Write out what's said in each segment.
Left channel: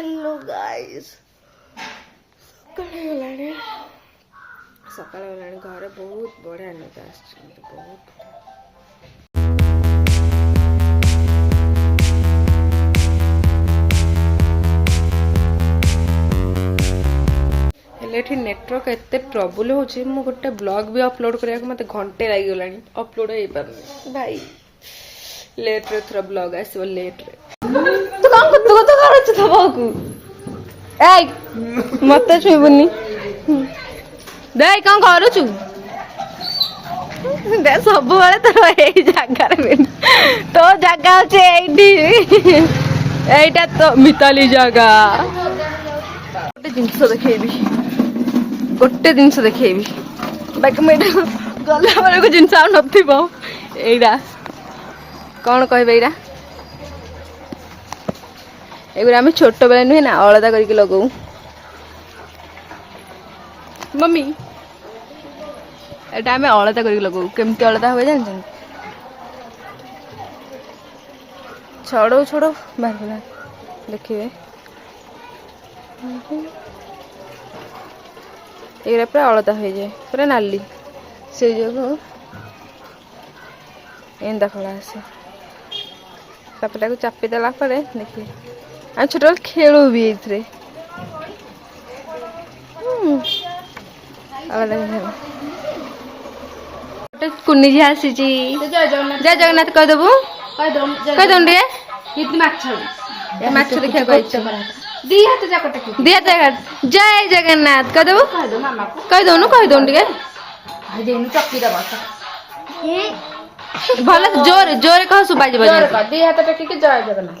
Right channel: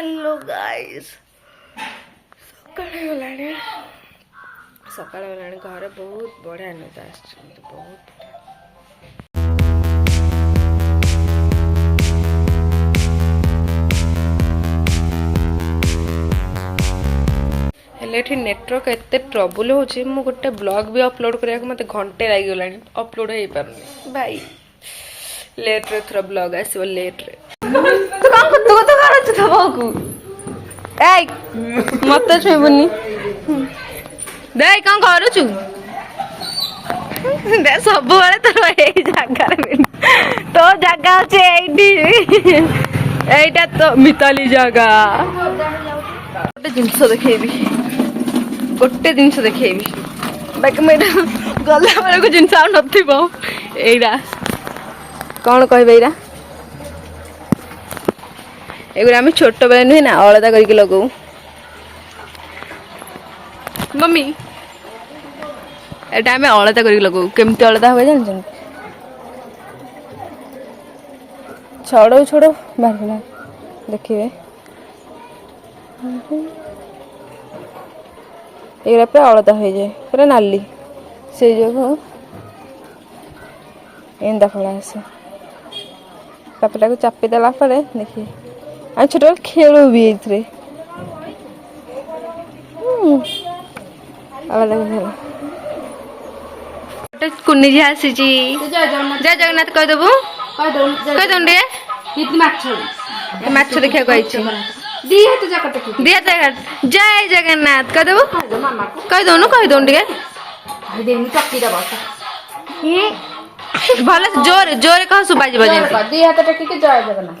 Hello guys सकाळ गलानी घर बहुत बढ़िया निद आस बहुत हेले नेटवर्क एत ट्रबुल हो गोटे ब्लॉग भी अपलोड करने मत घंटे लगी अपलोड हो पारे भाई लेट रे थोड़ा ब्लॉग आसो लेट रे मत छुबनी दे कौन करुचु दे सब तो यही जगार तो जगह अच्छे तो मिताली जगह गोटे जिनस देखेबी गोटे जिनस देखेबी बाकी मैडम गला बेलू जिनस नईरा कौन कह एरा एगुरा आम छोट बेले नुहे ना अलदा करके लगू मम्मी एटा आम अलदा करके लगू केमती अलदा हुए जान छड़ो छड़ो बाहर देखिए एगुरा पूरा अलदा हो जाए पूरा नाली से जो एंदा खड़ा आसे कपड़ा को चापी देला पड़े देखिए हम छोट खेलू भी कुनी जी आसी जय जगन्नाथ कहीदेबू कहीदे माछ देखा जय जगन्नाथ कहीदेबू कहीदौनु कहीदौन भल जोर जोर कह सुबा दी हाथ टेकिक जय जगन्नाथ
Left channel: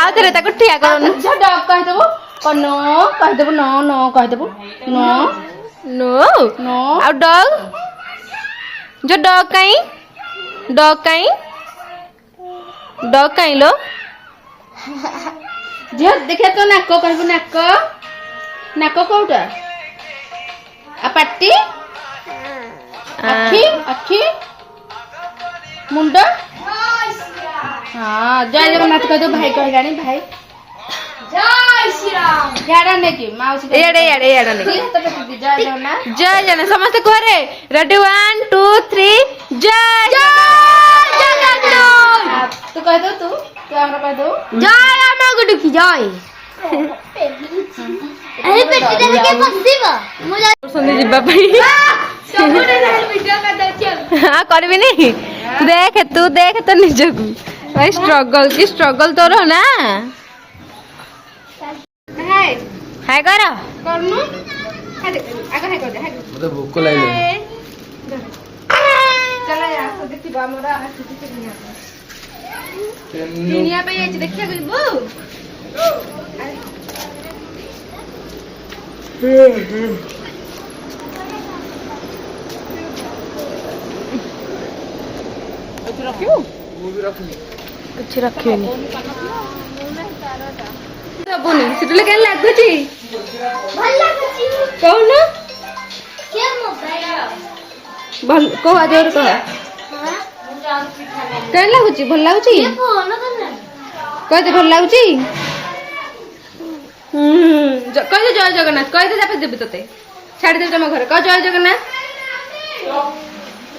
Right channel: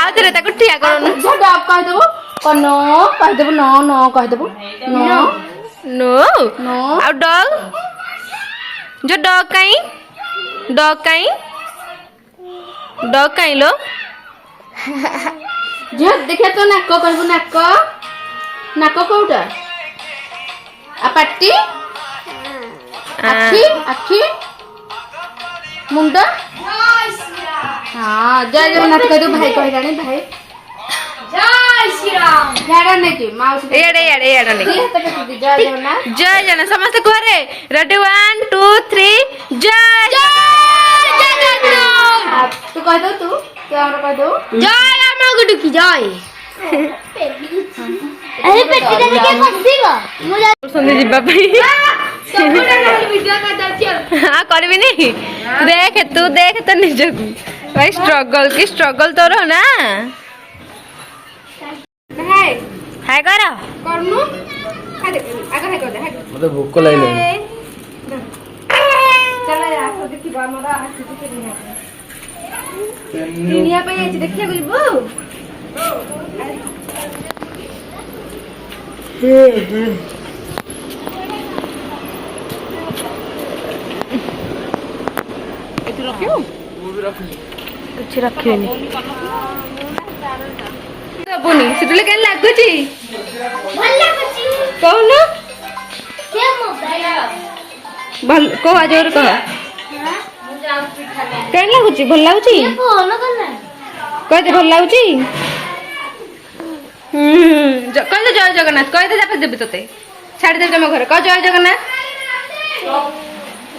आउे ठिया कर कहीदेबू नो कहीदेबू नो नो कहीदेबू नो नो नो आ डग जो डग कहीं लो झील देखिए तो नाक कहबू नाक नाक कौटा आ पाटी आखी आखी मुंड हाँ जय जगन्नाथ कह दो भाई कहलानी भाई जय श्री राम याडा ने की माउस याडा ने जय जगन्नाथ समस्त घरे रेडी 1 2 3 जय जगन्नाथ तू कह दो तू हमरा कह दो जय हमरा गुडी की जय अरे पेटी दे के बसिबा संदे जिबा पई हाँ करबी नहीं देख तू देख तो निजक भाई स्ट्रगल की स्ट्रगल तो रहो ना हाय हाय करो करनु आगे हाय कर दे हाय तो भूख लागले चला यार देखिबा हमरा आसी दुनिया पे ये देखिया बोलबो कुछ रखिए सबुनी सिटले केन लागुची भल लागुची कौन के मोबाइल भल को आजर कह केन लागुची भल लागुची फोन करना कह दे भल लागुची कह दे जय जगन्नाथ कह दे जापे देबी तते छाड़ दे तम घर कह जय जगन्नाथ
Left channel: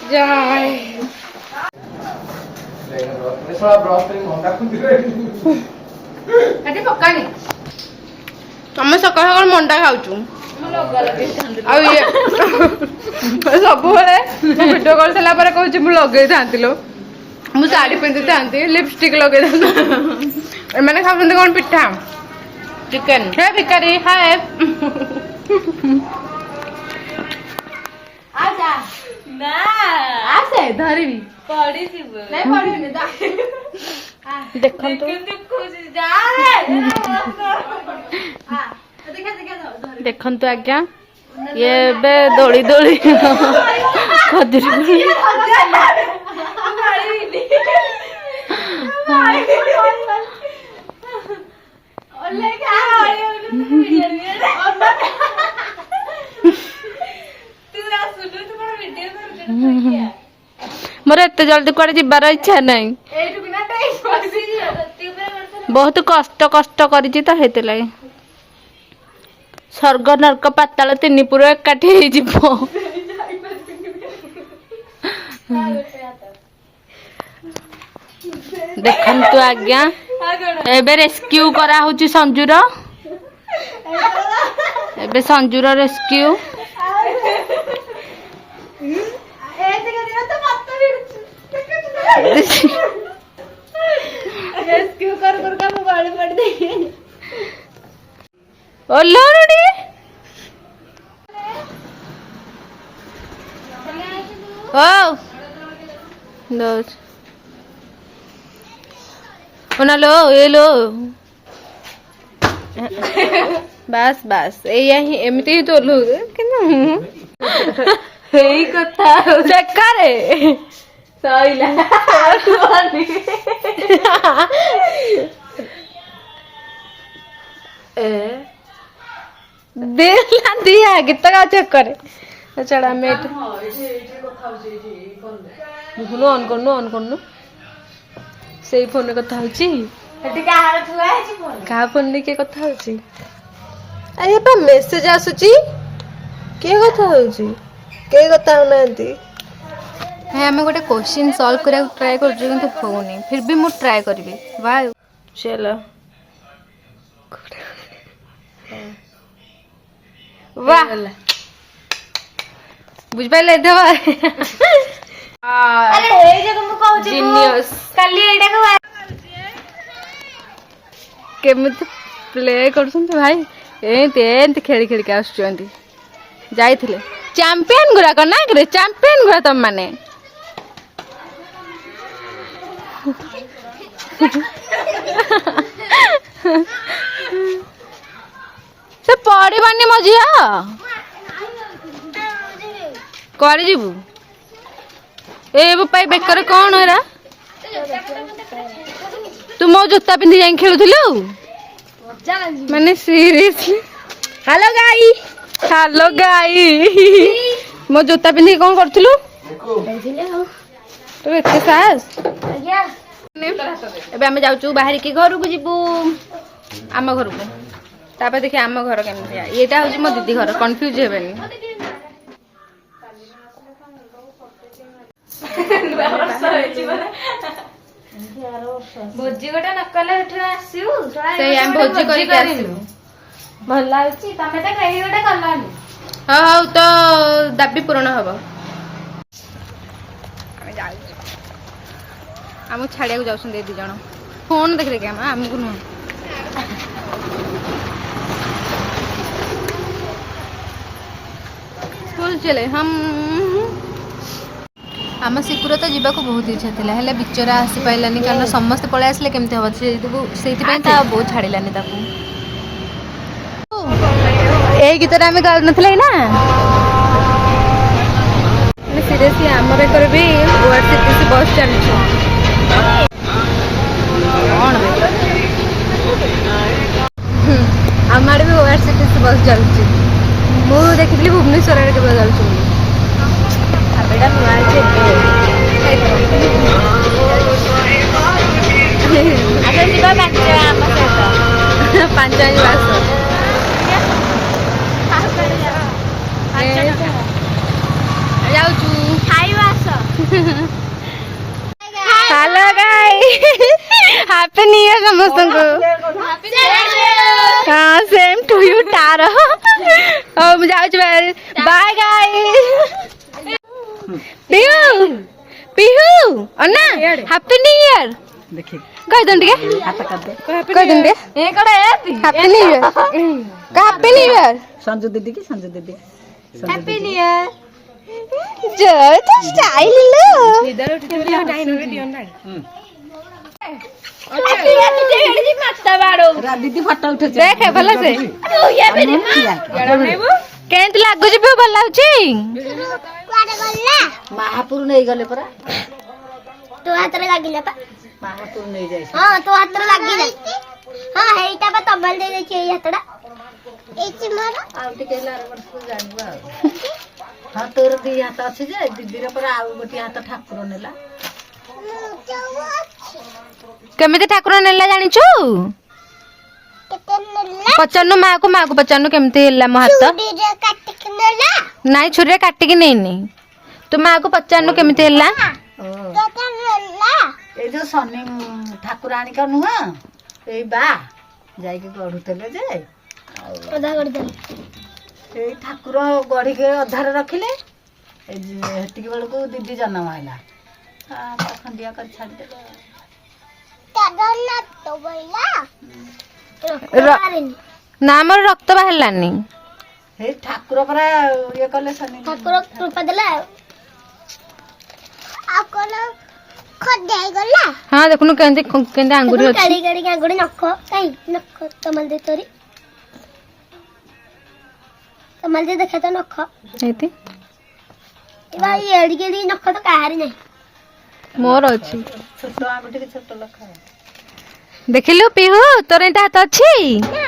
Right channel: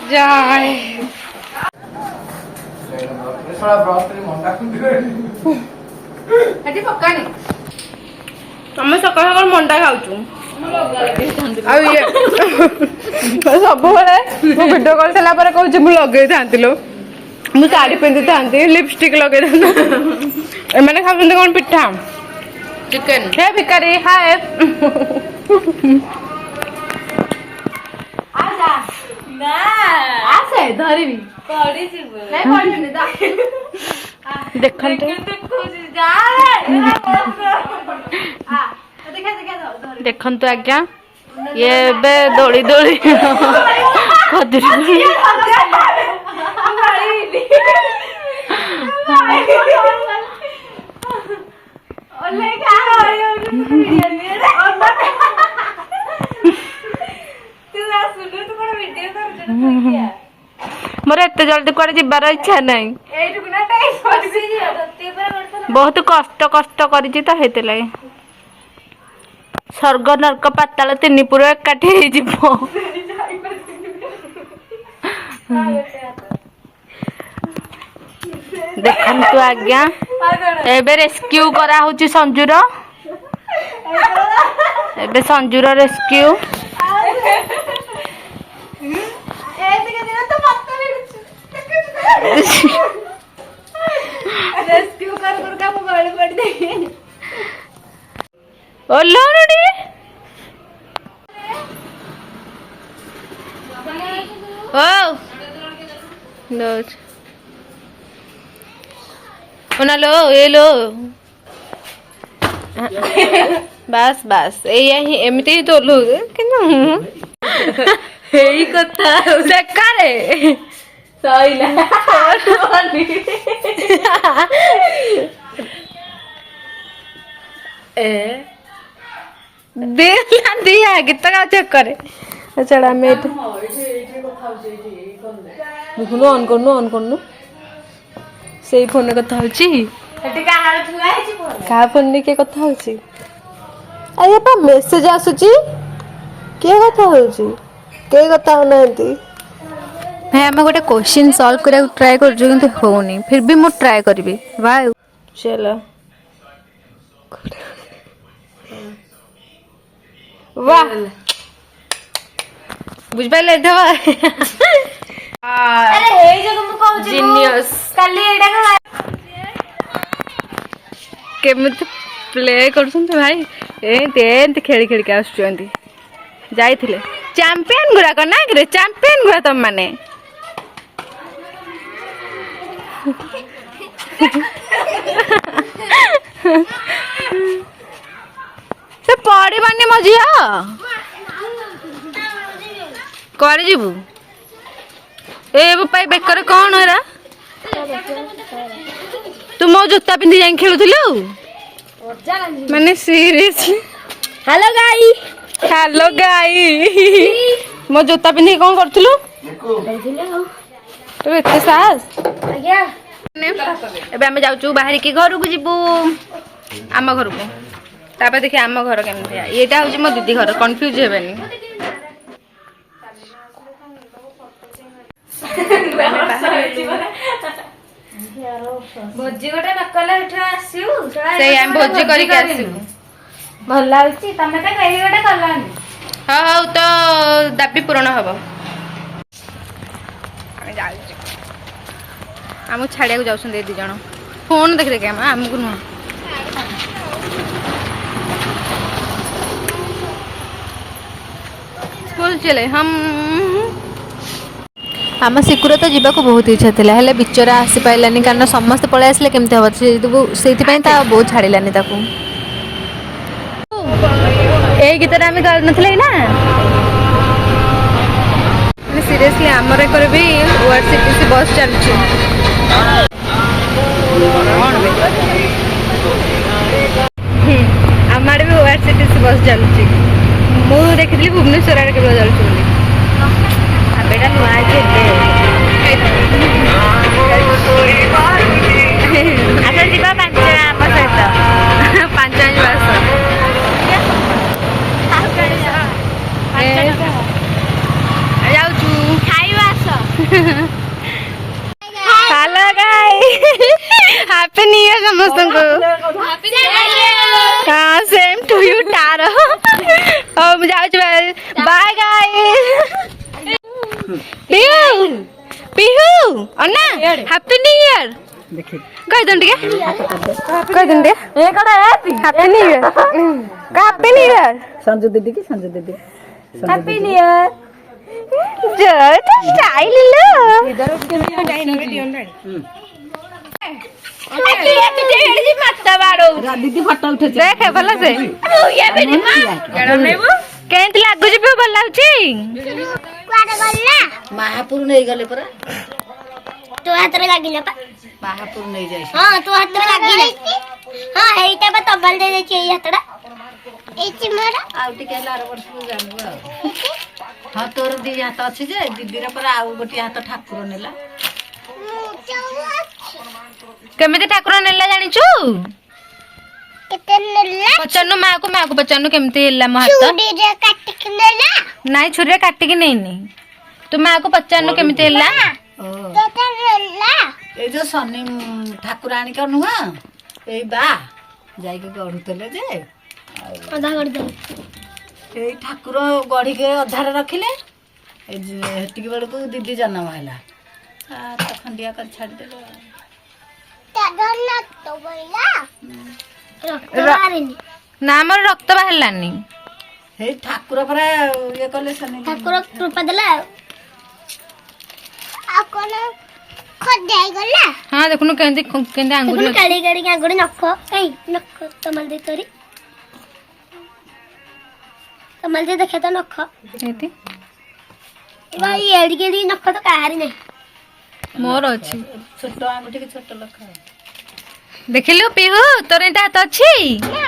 जय तमें सकाल सकाल मंडा खाऊ सब भिडियो कल सारा कहूँ मुझे लगे था मुझे शाढ़ी पिंधि था लिपस्टिक लगे एम खाऊ कौन पिठा चिकेन हे भिकारी हाय आसे धरबी देखु आज्ञा ये दोली दोली मोर एत जल्दी कड़े जीवार इच्छा नहीं बहुत कष्ट कष्ट करिछि तो हेते लागि स्वर्ग नरक पाताल तीन पुर एकाठी हे जिवो देखंतु आज्ञा एबे रेस्क्यू करा होची संजूर एबे संजूर रेस्क्यू रेस्क्यू कर का मैं गाड़ी पड़ दे ओ लोड़ी ओ लो ओना लो ए लो बस बस एही एमिति ही तोलु किनु एही कथा बेकारे सइला ए देला दिया गीत गा चेक करे चला मेट देखुनु ऑन करनु सेई फोन रे कथा होची एटी का हाल छुआ है फोन का फोन रे के कथा होची अरे पा मेसेज आसुची के कथा होची के कथा होनांती है हमें गोटे क्वेश्चन सॉल्व करा ट्राई कर जो किंतु होनी फिर भी मु ट्राई करबी वाह चलो वाह बुझ पाइले देवा अरे ए जगह मु कहू छी जीनियस काली एटा का केमत प्ले करछंती भाई एंत खेली खेली के आसुचंती जाइथिले चैंपियन गुरा को ना करे चैंपियन गुरा तुम माने से पड़िबानी मजिया करे जीबू ए बापा बेकर कौन है तू मो जूता पिंधि जाई खेलुथिलु माने सीरियसली हेलो गाई मो जूता पिंधि कौन करथिलु तो एते साहस आज्ञा एबे हम जाउचु बाहर की घर को जीबू आम घर को तापर देखि आम घर केमति एटा होची मो दीदी घर कंफ्यूज हेबेनी भोजी गोटे नकले उठे आसिउ से हम भोजी करी के आसी भल लाउची तमे त कहि गोटे कलानी हां तो दाबी पूर्ण हबो हम जाउचु हम छाड़िया को जाउछन दे दी जण फोन देख देख हम हमकु न स्कूल चले हम आम सिकुर तो जीवा को बहुत इच्छा था हेल्ले बिचरा आसी पारानी कारण समस्त पलि आसले केमती हम से बहुत छाड़ानी गीत आम गा ना सीरियसली आमर एक भी ओआरसीटीसी बस चलुची आम आड़े भी ओआरसीटीसी बस चलुची मु देखी भुवनेश्वर केवल चलुची अच्छा जीवा पांच जाऊचु खाइबा आस hello guys happy new year समस्त को हां सेम टू यू टारो अब जाऊचु bye guys Pihu Pihu Anna happy new year देखि कह दन के कह दन दे ए कड़ा हैप्पी न्यू ईयर का हैप्पी न्यू ईयर संजू दीदी की संजू दीदी हैप्पी न्यू ईयर जो तो स्टाइल लो इधर माता बाड़ो दीदी फोटो उठे देख भला से केंत लागु जे भल लाउची कुआडे गल्ला महापुर नहीं गले परा तो हाथ रे लागिला पा महापुर नहीं जाई हां तो हाथ रे लागिला हां हेइटा बा तबल दे दे छी हाथडा एची मारा आउ टिके लार वर्ष को जानबा हां तोर दी हाथ अछि जे दीदी रे परा आउ गोटी हाथ ठाकुर नेला केमिति ठाकुर नेला जानिछु केते नेला पचन्नु माँ को पचन्नु केमिति हेला मो हाथ चूड़ी रे काट के नेला नाइ छुरी काटी के नेनी तू माँ को पचन्नु केमिति हेला केते नेला ए जो सनी ठाकुराणी का नुआ ए बा जाई के गढुतले जे आधा कर दे ए ठाकुर गढ़ी के अधार रखिले ए हेटिक बेड़ को दीदी जन्म हैला आ खंडिया कर छाड़ देले कागला तो बोला ना मोर रक्त बाहरलानी हे ठाकुर परा ये कले सनी ठाकुर कृपा देला आ कोन खद जाई गला हाँ देखनु केंति केंति अंगुरी अछि काली गाड़ी के आंगुड़ी नख ए नख कमल दे तोरी कमल दे देखा तो नख एति भाई एड़ी केड़ी नख तो काहारी नहीं मोर अछि छोट आंगुठी के छोट लखा देखिलु पिहु तोर एटा हाथ अछि ना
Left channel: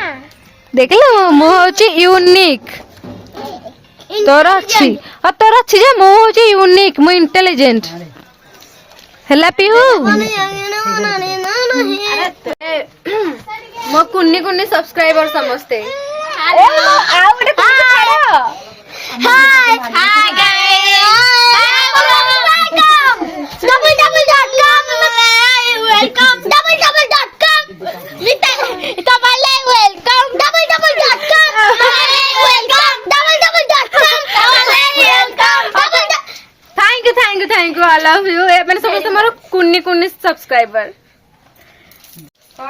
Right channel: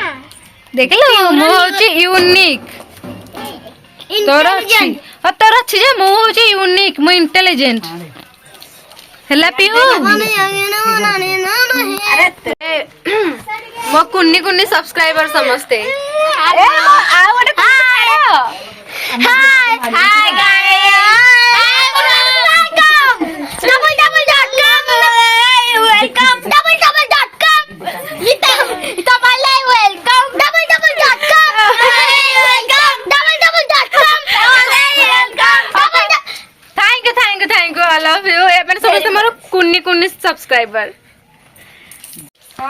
देखिलु मो अछि यूनिक तोर अछि तोर अछि जे मो अछि यूनिक मो इंटेलिजेंट हला पिहु अरे मो कुन्नी कुन्नी सब्सक्राइबर समझते thank you I love you ए मैंने समझते मोर कुन्नी कुन्नी सब्सक्राइबर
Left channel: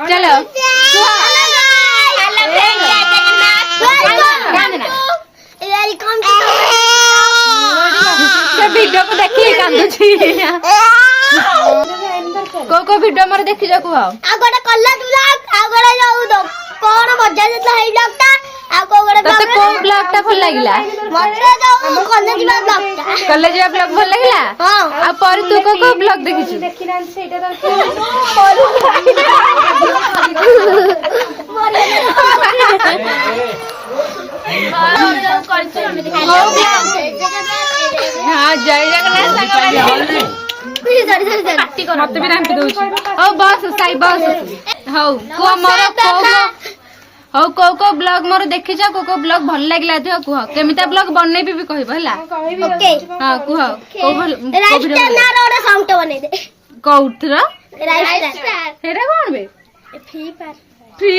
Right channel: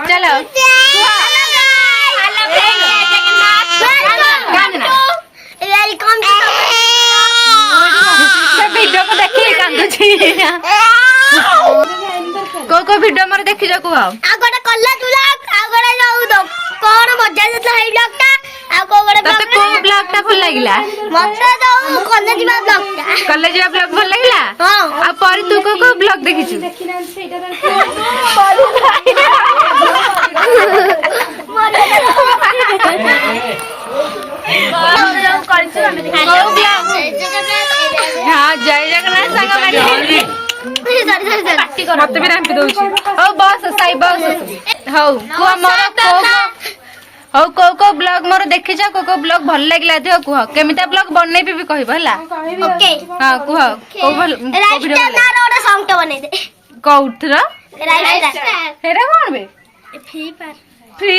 चलो वेलकम से वीडियो को देखिए कांदू छी को वीडियो मोर देखि जा को आगोडा कल्ला तुला आगोडा जाऊ दो कोन मजा जेतला हेई ब्लॉगटा आ कोगोडा तते को ब्लॉग टा भल लागिला मजा जाऊ कल्ला दिबा ब्लॉगटा कॉलेज ब्लॉग भल लागिला हां आ पर तू को ब्लॉग देखि छी देखिना सेटा हाँ जय जगन्नाथ संग पार्टी कर मत भी राम दउछ ओ बस साई बस हौ को मोर को ब्लॉग मोर देखि जा को ब्लॉग भल लागला दियो कुह केमिता ब्लॉग बनैबी भी कहबो हला ओके हां कुह को वीडियो ना रोडा सॉन्ग तो बने दे कौठरा राइट हेरा कोन बे फ्री फ्री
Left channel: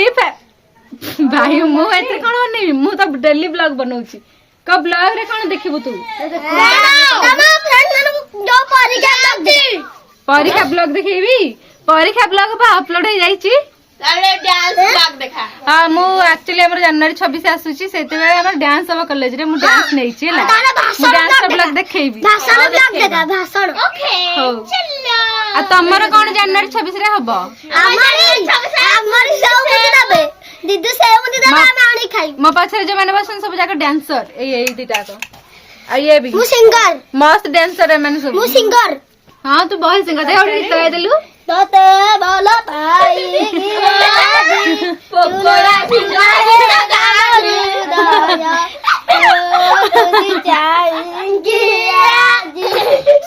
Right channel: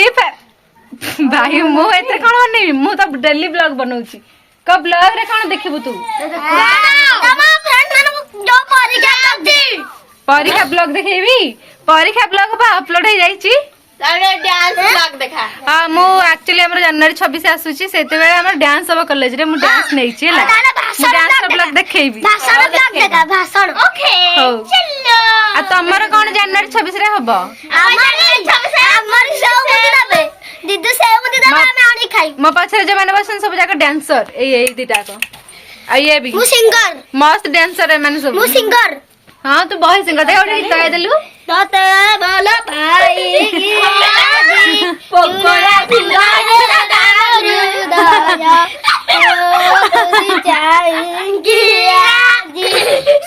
भाई मो एते कोन बनेबी मु तो डेली ब्लॉग बनौची क ब्लॉग रे कोन देखिबु तू तमा फ्रेंड मानको जो परीक्षा लगदी परीक्षा ब्लॉग देखेबी परीक्षा ब्लॉग बा अपलोड हो जाईची तारे डांस ब्लॉग देखा हां मु एक्चुअली हमर जनवरी 26 आसुची सेते बेले हमर डांस अब कॉलेज रे मु डांस नैची हला मु डांस ब्लॉग देखेबी भाषण ब्लॉग देखा भाषण ओके हो चलो आ तमर कोन जनवरी 26 रे हबो हमारी सब मुझे दबे दीदी से मुझे दबे मैं आनी खाई मो पाछरे जे माने बसन सब जाक डांसर ए दीटा तो आ ये भी मु सिंगर मस्त डांसर है माने सब मु सिंगर हां तू बहुत सिंगर दे गीत गाय देलु तोते बोलो भाई की चुनरा जाएंगी आज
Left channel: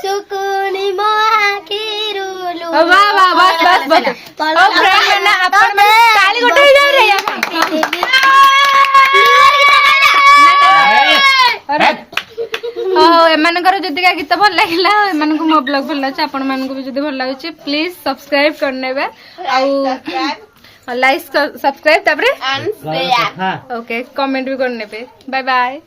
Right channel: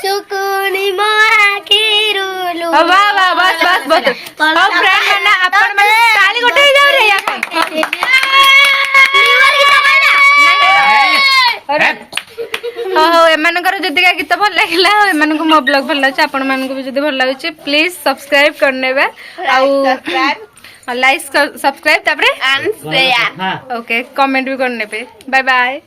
सुकूनी माखिरुलु वाह वाह बस बस बस ओ फ्रेंड माने अपन माने ताली गोटे जाऊ रे या अरे हाँ एमानकर जदिका गीत भल लगिला एमानकु मो ब्लॉग भल लागछ आपण मानकु भी जदी भल लागछ प्लीज सब्सक्राइब करनेबे आउ लाइक सब्सक्राइब तापरे शेयर ओके कमेंट भी करनेबे बाय बाय।